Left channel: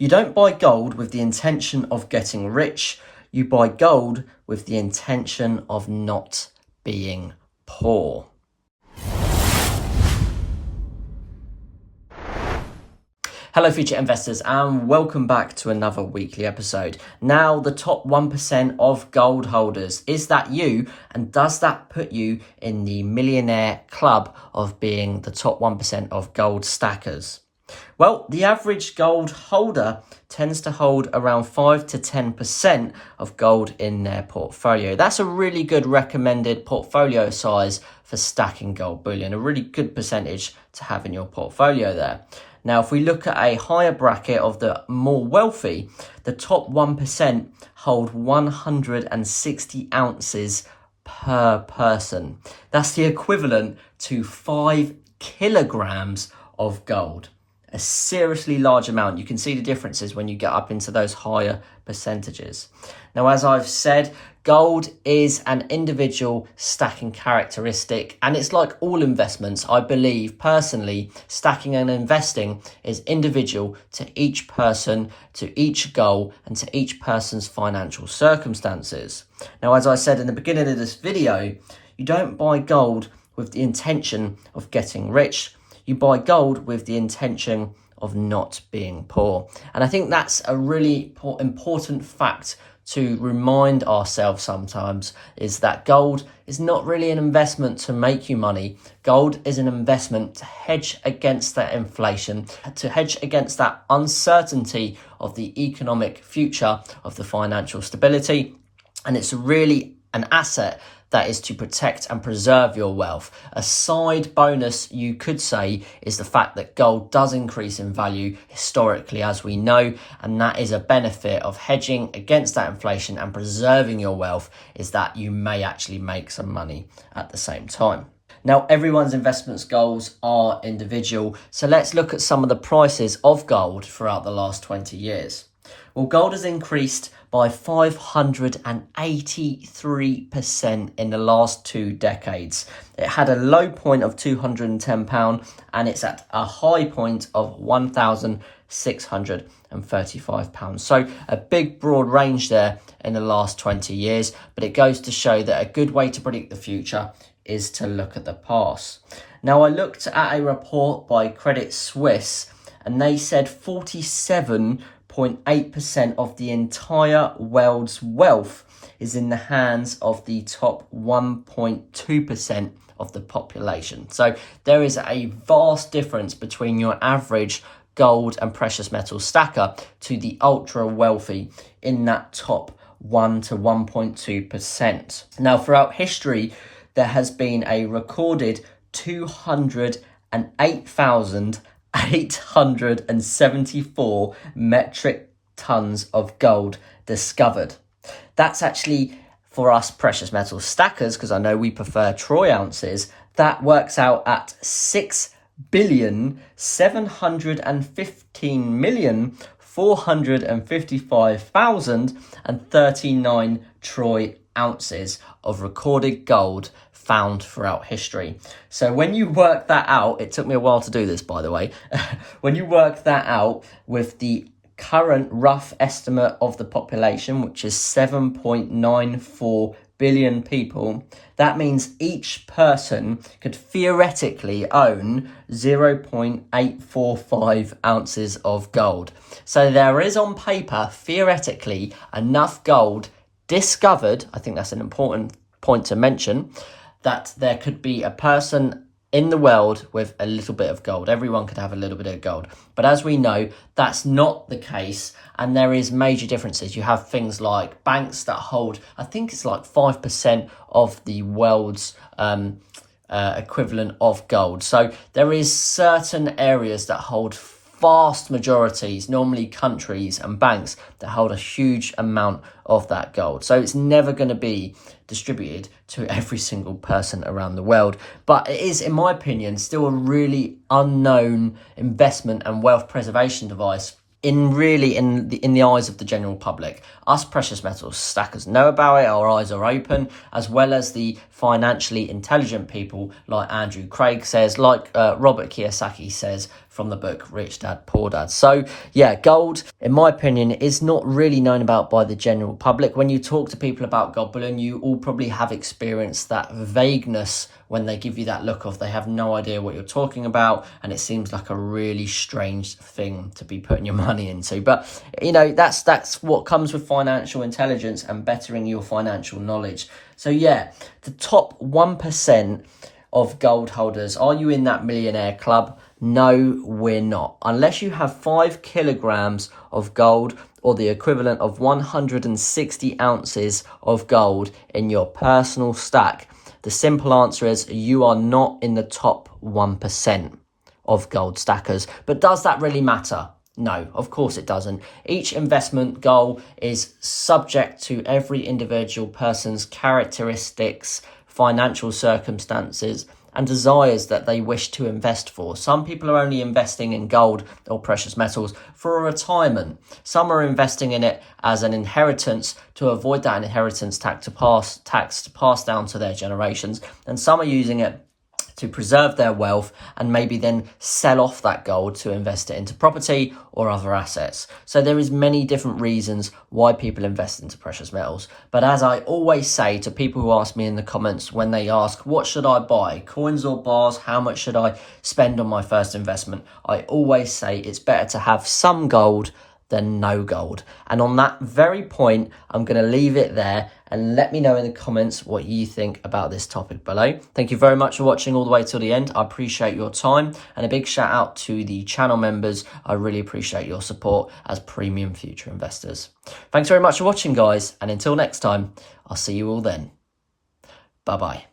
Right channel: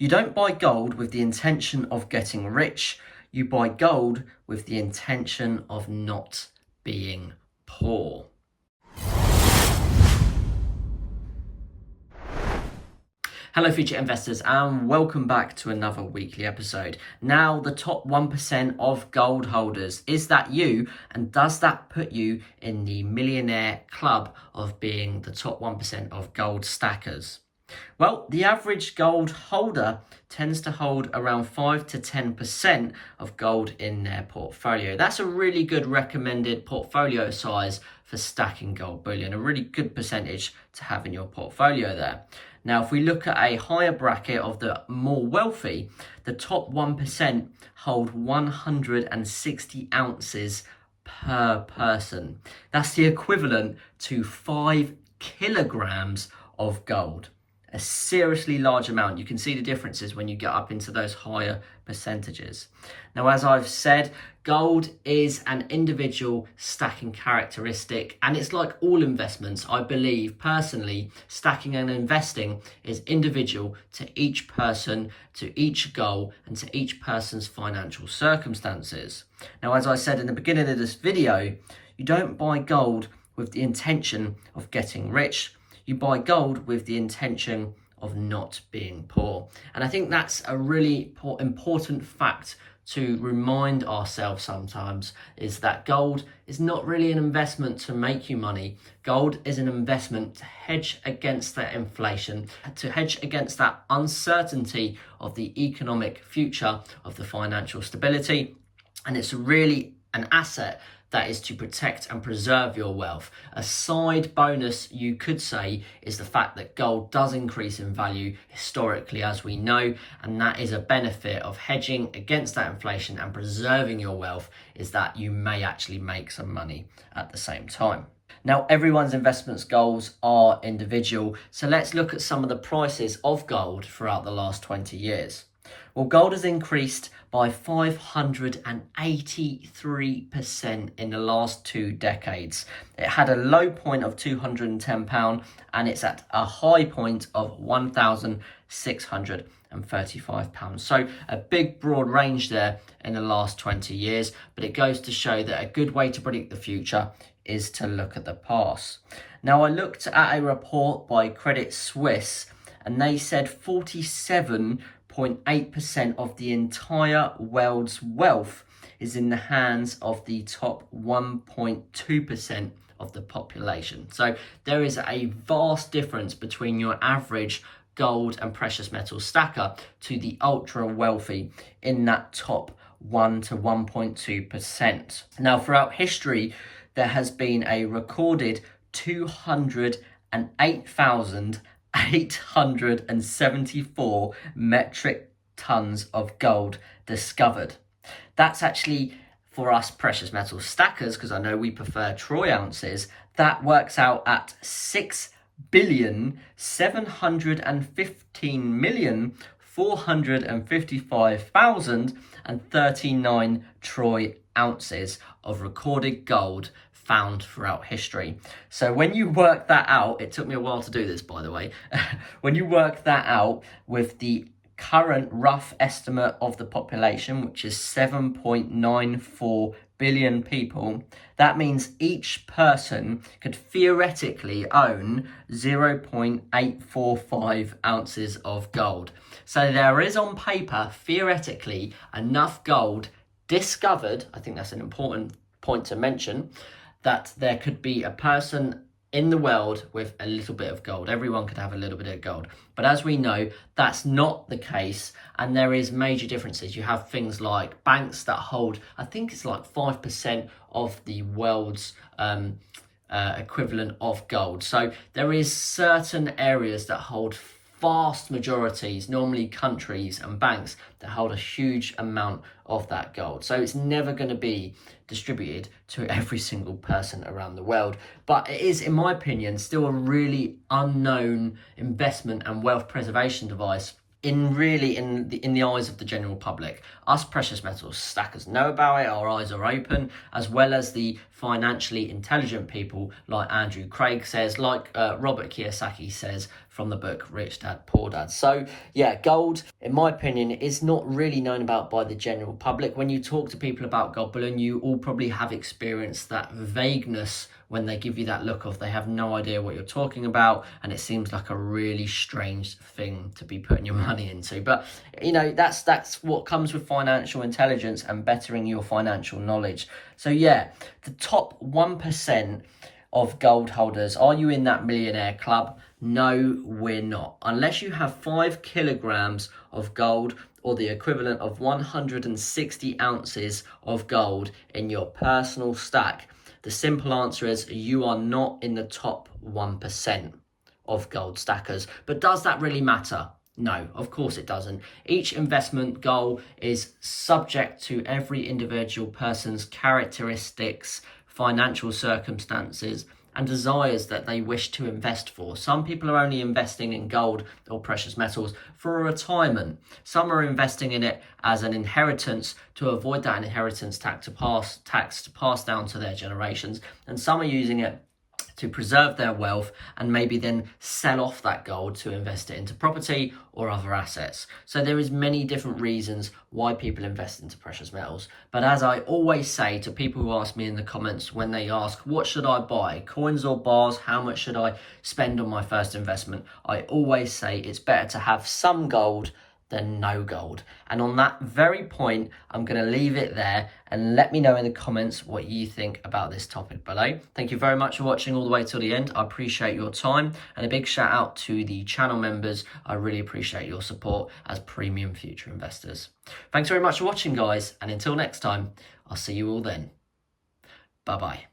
You don't buy gold with the intention of getting rich. You buy gold with the intention of not being poor. Hello future investors and welcome back to another weekly episode. Now the top 1% of gold holders. Is that you? And does that put you in the millionaire club of being the top 1% of gold stackers? Well, the average gold holder tends to hold around 5 to 10% of gold in their portfolio. That's a really good recommended portfolio size for stacking gold bullion, a really good percentage to have in your portfolio there. Now, if we look at a higher bracket of the more wealthy, the top 1% hold 160 ounces per person. That's the equivalent to 5 kilograms of gold. A seriously large amount. You can see the differences when you get up into those higher percentages. Now, as I've said, gold is an individual stacking characteristic, and it's like all investments. I believe personally, stacking and investing is individual to each person, to each goal, and to each person's financial circumstances. Now, as I said in the beginning of this video, you don't buy gold with the intention of getting rich. You buy gold with the intention of not being poor. And I think that's a really important fact to remind ourselves sometimes, is that gold is not really an investment to make you money. Gold is an investment to hedge against that inflation, to hedge against that uncertainty of the economic future, of the financial stability. And it's really an asset that is to protect and preserve your wealth. A side bonus, you could say, is the fact that gold does increase in value historically, as we know, and that is a benefit of hedging against that inflation and preserving your wealth, is that you may actually make some money at the same time. Now, everyone's investments goals are individual, so let's look at some of the prices of gold throughout the last 20 years. Well, gold has increased by 583% in the last 2 decades. It had a low point of £210 and it's at a high point of £1,635. So a big broad range there in the last 20 years, but it goes to show that a good way to predict the future is to look at the past. Now, I looked at a report by Credit Suisse and they said 47.8% of the entire world's wealth is in the hands of the top 1.2% of the population. So there is a vast difference between your average gold and precious metal stacker to the ultra wealthy in that top 1 to 1.2%. Now, throughout history, there has been a recorded 208,874 metric tons of gold discovered. That's actually, for us precious metal stackers, because I know we prefer troy ounces, that works out at 6,715,455,039 troy ounces of recorded gold found throughout history. So when you work that out, it took me a while to do this, by the way. When you work that out with the current rough estimate of the population, which is 7.94 billion people, that means each person could theoretically own 0.845 ounces of gold. So there is on paper, theoretically, enough gold discovered. I think that's an important point to mention, that there could be a person in the world with a little bit of gold. Everyone could have a little bit of gold. But as we know, that's not the case. And there is major differences. You have things like banks that hold, I think it's like 5% of the world's equivalent of gold. So there is certain areas that hold vast majorities, normally countries and banks, that hold a huge amount of that gold. So it's never going to be distributed to every single person around the world. But it is, in my opinion, still a really unknown investment and wealth preservation device in the eyes of the general public. Us precious metals stackers know about it, our eyes are open, as well as the financially intelligent people like Andrew Craig says, like Robert Kiyosaki says from the book Rich Dad Poor Dad. So yeah, gold, in my opinion, is not really known about by the general public. When you talk to people about gold bullion, you all probably have experienced that vagueness when they give you that look of they have no idea what you're talking about, and it seems like a really strange thing to be putting your money into. But you know, that's what comes with financial intelligence and bettering your financial knowledge. So yeah, the top 1% of gold holders, are you in that millionaire club? No, we're not. Unless you have 5 kilograms of gold or the equivalent of 160 ounces of gold in your personal stack, the simple answer is you are not in the top 1% of gold stackers. But does that really matter? No, of course it doesn't. Each investment goal is subject to every individual person's characteristics, financial circumstances, and desires that they wish to invest for. Some people are only investing in gold or precious metals for a retirement. Some are investing in it as an inheritance to avoid that inheritance tax to pass down to their generations. And some are using it to preserve their wealth and maybe then sell off that gold to invest it into property or other assets. So there is many different reasons why people invest into precious metals. But as I always say to people who ask me in the comments when they ask, what should I buy, coins or bars? How much should I spend on my first investment? I always say it's better to have some gold than no gold. And on that very point, I'm going to leave it there, and let me know in the comments what you think about this topic below. Thank you very much for watching all the way till the end. I appreciate your time, and a big shout out to the channel members. I really appreciate your support as premium future investors. Thanks very much for watching, guys, and until next time, I'll see you all then. Bye bye.